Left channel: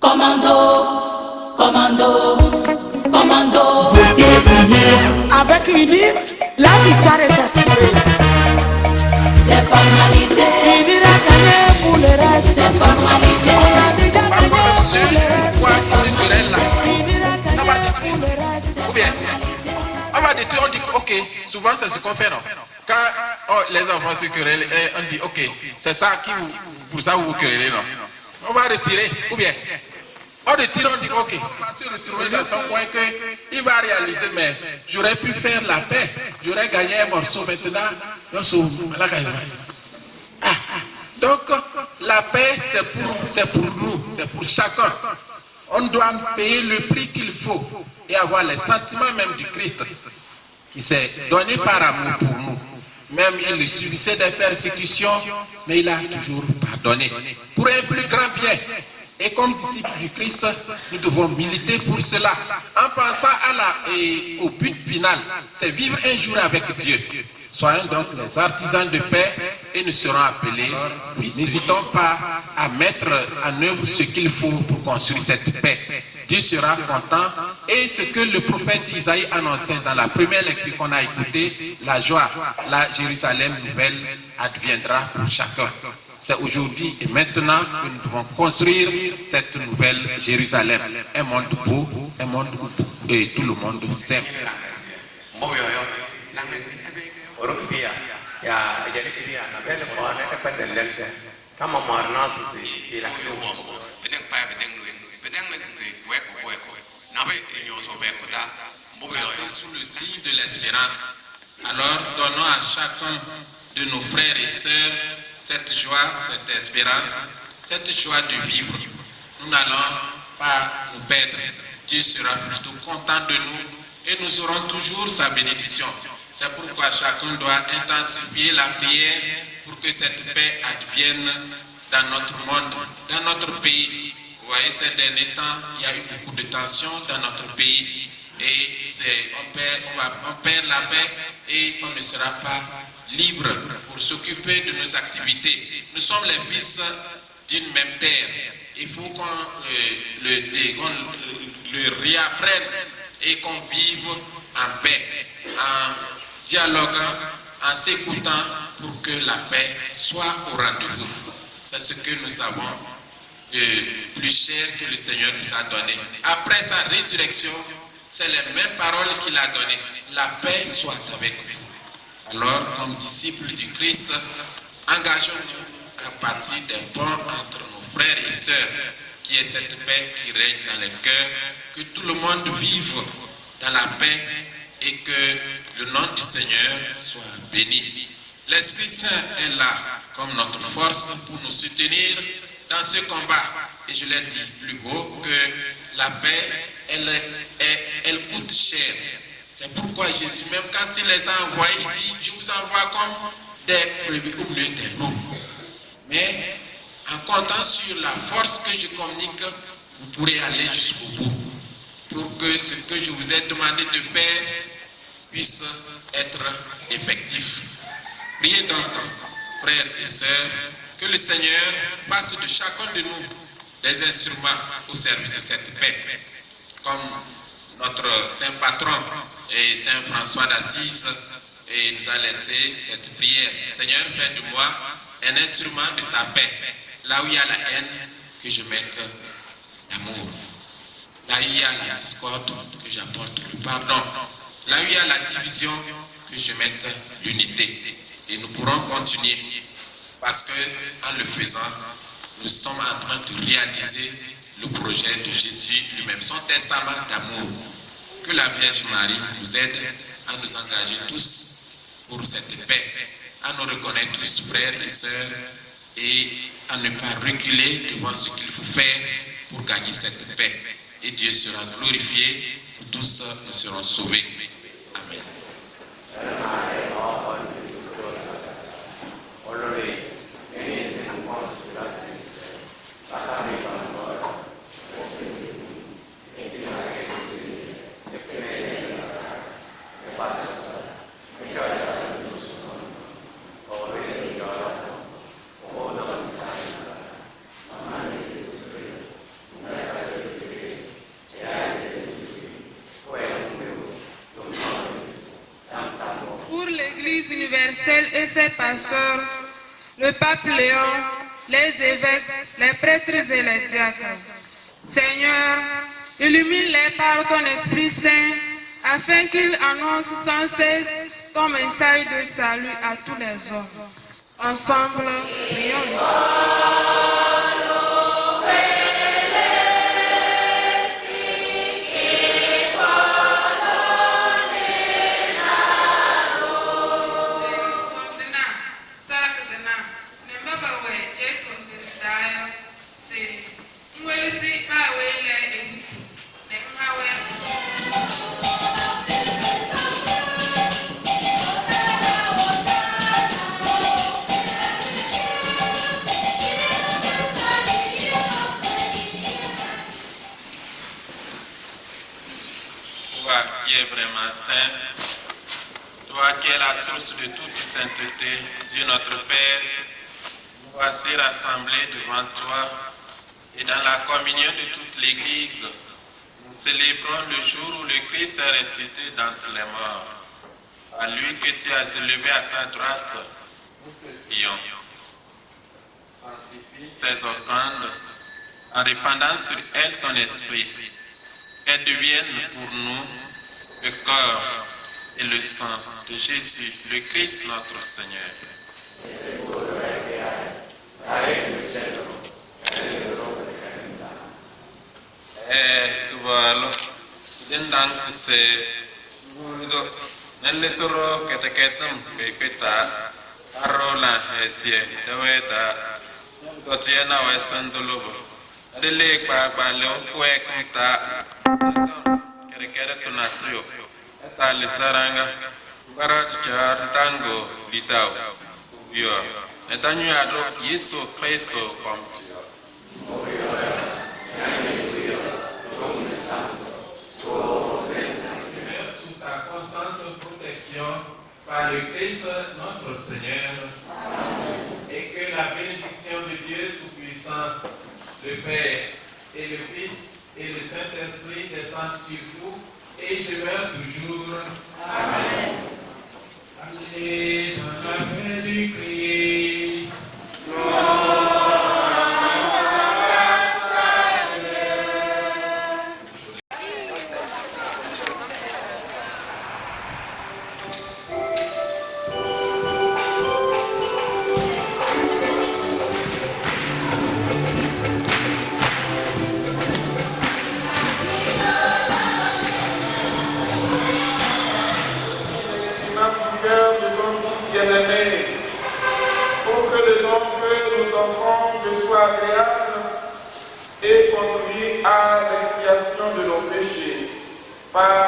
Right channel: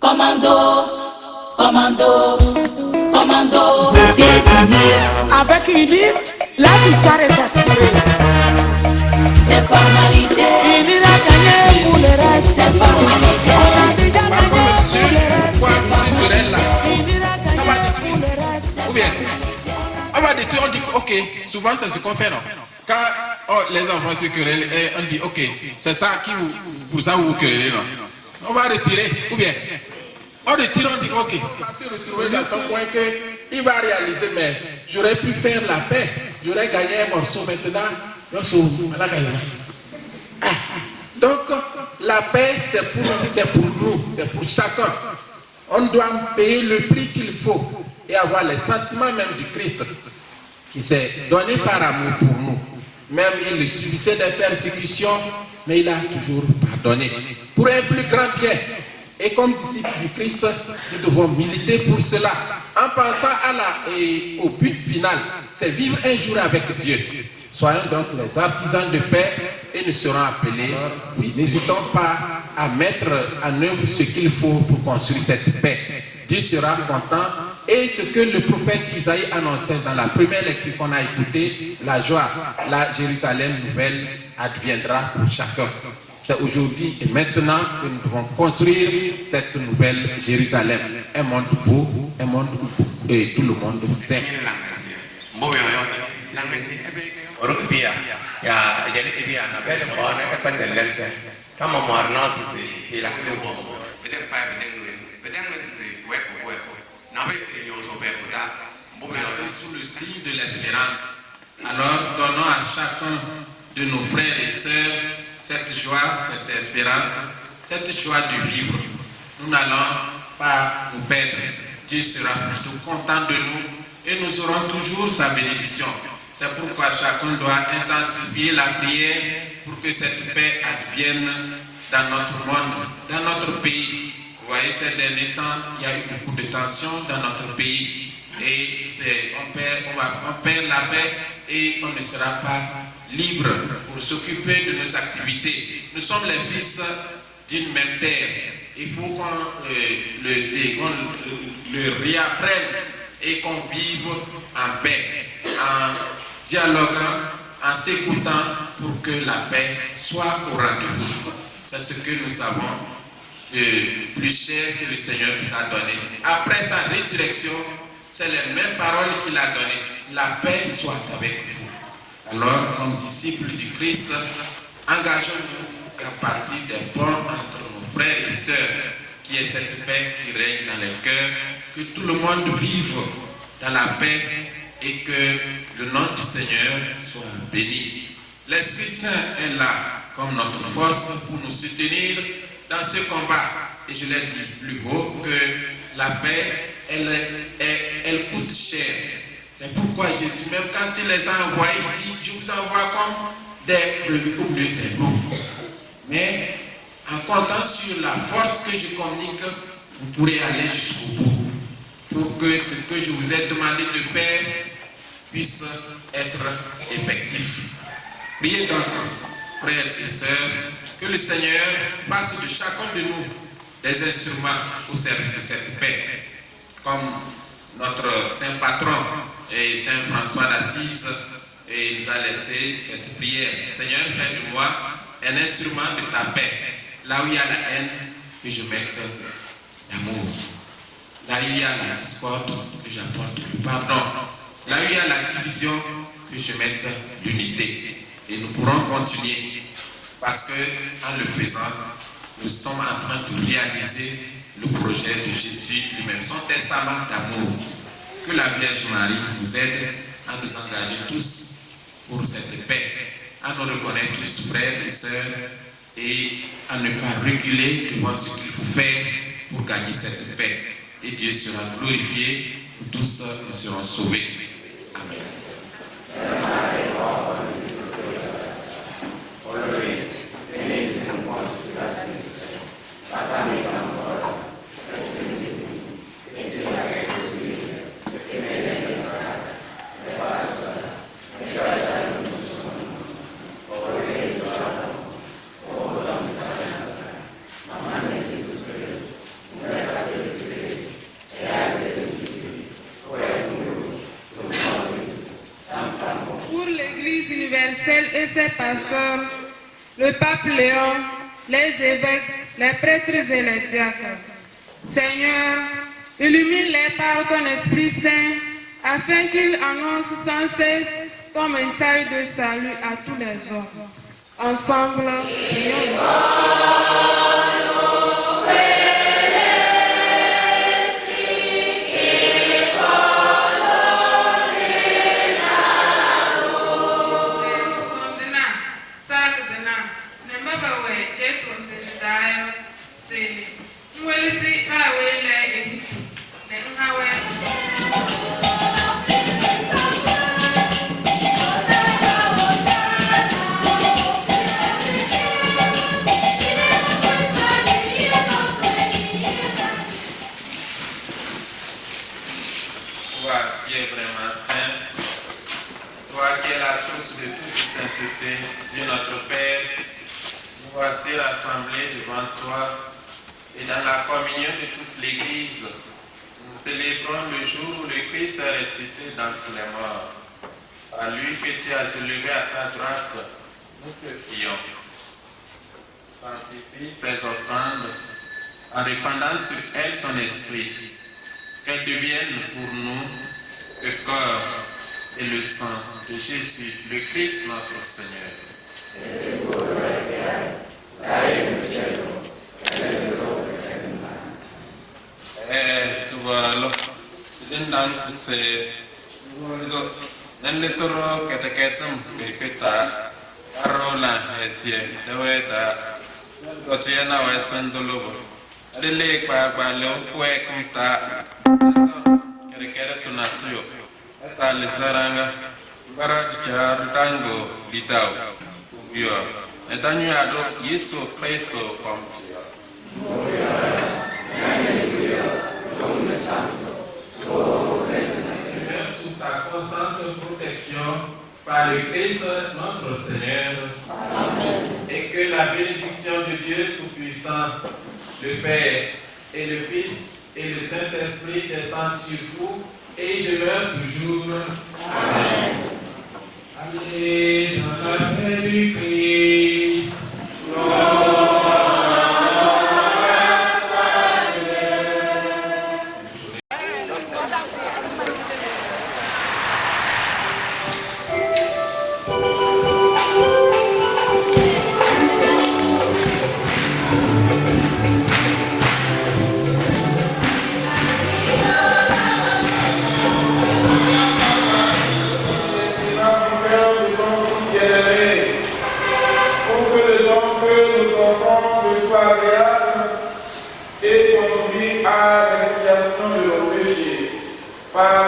Commando, commando, commando, votez unir. Avec UNIR, la victoire est assurée. C'est formalité. UNIR a gagné pour le reste. C'est formalité. On a déjà gagné pour le reste. Culturel UNIR a gagné pour le reste. ou bien on va détruire, on dit ok, souvent c'est ce qu'on fait, non? Quand les enfants se querellent, on dit ok, c'est ça qui vous, pour ça vous vous querellez, non? On va retirer, ou bien on retire, on dit ok, on va se retrouver dans son coin que il va réaliser, mais j'aurais pu faire la paix, j'aurais gagné un morceau maintenant. Donc la paix c'est pour nous, c'est pour chacun. On doit payer le prix qu'il faut et avoir les sentiments même du Christ qui s'est donné par amour pour nous. Même il subissait des persécutions, mais il a toujours pardonné pour un plus grand bien. Et comme disciples du Christ, nous devons militer pour cela en pensant au but final, c'est vivre un jour avec Dieu. Soyons donc les artisans de paix et nous serons appelés. N'hésitons pas à mettre en œuvre ce qu'il faut pour construire cette paix. Dieu sera content. Et ce que le prophète Isaïe annonçait dans la première lecture qu'on a écoutée, la joie, la Jérusalem nouvelle adviendra pour chacun. C'est aujourd'hui et maintenant que nous devons construire cette nouvelle Jérusalem. Un monde beau, un monde où tout le monde s'aime. Sous le signe de l'espérance. Alors donnons à chacun de nos frères et sœurs cette joie, cette espérance, cette joie de vivre. Nous n'allons pas nous perdre. Dieu sera plutôt content de nous et nous aurons toujours sa bénédiction. C'est pourquoi chacun doit intensifier la prière pour que cette paix advienne dans notre monde, dans notre pays. Vous voyez, ces derniers temps, il y a eu beaucoup de tensions dans notre pays. Et on perd la paix et on ne sera pas libre pour s'occuper de nos activités. Nous sommes les fils d'une même terre. Il faut qu'on le réapprenne et qu'on vive en paix, en dialoguant, en s'écoutant pour que la paix soit au rendez-vous. C'est ce que nous avons de plus cher que le Seigneur nous a donné. Après sa résurrection, c'est les mêmes paroles qu'il a données. La paix soit avec vous. Alors, comme disciples du Christ, engageons-nous à partir des ponts entre nos frères et sœurs, qui est cette paix qui règne dans les cœurs, que tout le monde vive dans la paix et que le nom du Seigneur soit béni. L'Esprit Saint est là comme notre force pour nous soutenir dans ce combat. Et je l'ai dit plus haut que la paix, elle coûte cher. C'est pourquoi Jésus, même quand il les a envoyés, il dit, je vous envoie comme des brebis au milieu des loups. Mais en comptant sur la force que je communique, vous pourrez aller jusqu'au bout. Pour que ce que je vous ai demandé de faire puisse être effectif. Priez donc, frères et sœurs, que le Seigneur fasse de chacun de nous des instruments au service de cette paix. Comme notre saint patron et saint François d'Assise nous a laissé cette prière. Seigneur, fais de moi un instrument de ta paix. Là où il y a la haine, que je mette l'amour. Là où il y a la discorde, que j'apporte le pardon. Là où il y a la division, que je mette l'unité. Et nous pourrons continuer parce que en le faisant, nous sommes en train de réaliser le projet de Jésus lui-même, son testament d'amour. Que la Vierge Marie nous aide à nous engager tous pour cette paix, à nous reconnaître tous frères et sœurs et à ne pas reculer devant ce qu'il faut faire pour gagner cette paix. Et Dieu sera glorifié, tous nous serons sauvés. Amen. universel et ses pasteurs, le pape Léon, les évêques, les prêtres et les diacres. Seigneur, illumine-les par ton Esprit Saint, afin qu'ils annoncent sans cesse ton message de salut à tous les hommes. Ensemble, prions le Seigneur. Toi qui es vraiment saint, toi qui es la source de toute sainteté, Dieu notre Père, nous voici rassemblés devant toi et dans la communion de toute l'Église, nous célébrons le jour où le Christ est ressuscité d'entre les morts. À lui que tu as élevé à ta droite, nous te prions. Sanctifie ces offrandes en répandant sur elles ton esprit, qu'elles deviennent pour nous le corps et le sang de Jésus, le Christ notre Seigneur. Voilà, l'indang c'est nell'esoro keteketum pepeta arola esie deweta gotiena wesandulubo adele kpa le kwe kunta kere tunatuyo eta lisaranga barat char tango litao yo etanyu ado Yesu Kristo komtu sous ta constante protection par le Christ notre Seigneur. Amen. Et que la bénédiction de Dieu Tout-Puissant, le Père et le Fils et le Saint-Esprit descendent sur vous et demeurent toujours. Amen. Allez dans la paix du Christ. Et conduire à l'expiation de nos péchés par